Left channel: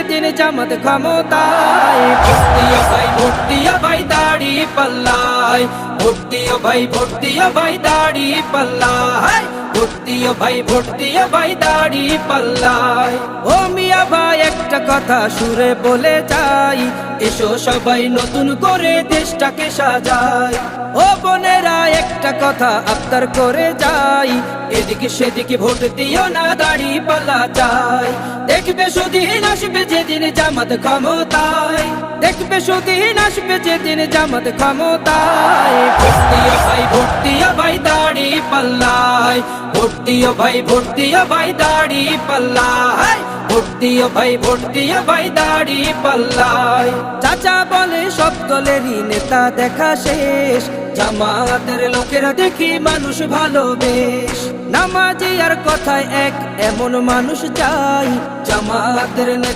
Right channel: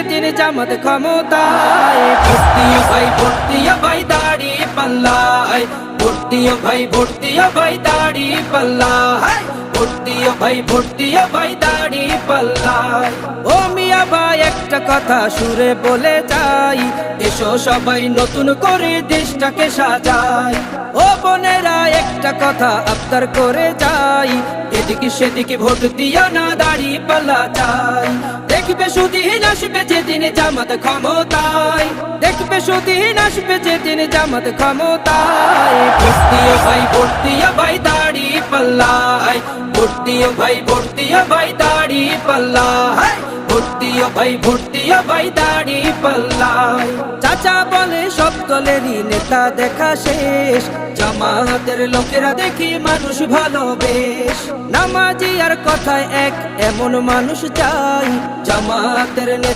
যেদিন জামাত ক্ষমতায়, ভোট দিও ভাই, ভোট দিও ভাই দাড়ি পাল্লায়, ভোট দিও ভাই, ভোট দিও ভাই দাড়ি পাল্লায়, ভোট দিও ভাই, ভোট দিও ভাই দাড়ি পাল্লায়। ও মিয়া ভাই একটা কথা সুরে বলে যাই, এসো সবাই নতুন করে দেশটাকে সাজাই। ও বোনেরা একটা কথা আবদার করে যাই, এদিকে সেদিকে ভোট দিও না, দাড়ি পাল্লা চাই। দেখবে সুদিন আসবে যেদিন জামাত ক্ষমতায়, দেখবে সুদিন আসবে যেদিন জামাত ক্ষমতায়, ভোট দিও ভাই, ভোট দিও ভাই দাড়ি পাল্লায়, ভোট দিও ভাই, ভোট দিও ভাই দাড়ি পাল্লায়, ভোট দিও ভাই, ভোট দিও ভাই দাড়ি পাল্লায়। চাচা বলে সব দলেরই নেতা দেখা শেষ, জামাতের লোকেরা দেখি মানুষ ভালো বেশ। নামাজি আর কথায় এক এমন মানুষ চাই, জামাতের নেতা